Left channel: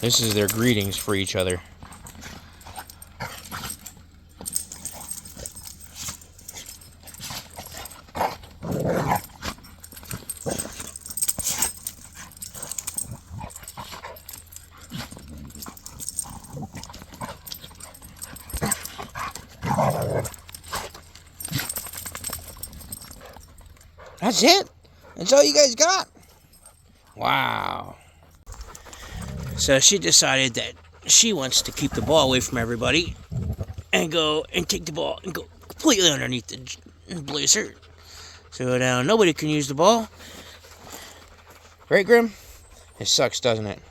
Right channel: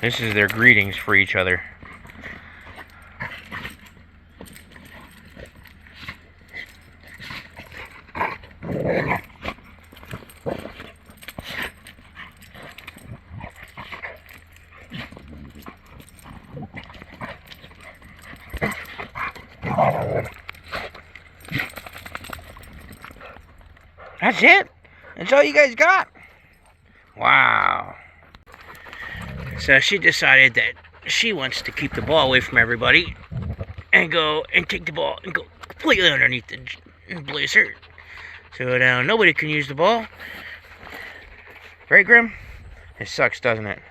This is their greetings for each other. That's it? That's all you guys got? Wow. So she decided that she wants to keep the ball away from everybody and go and take the ball and go completely underneath the blazer. So now nobody can use the ball. Right, Grim? It sucks, doesn't it?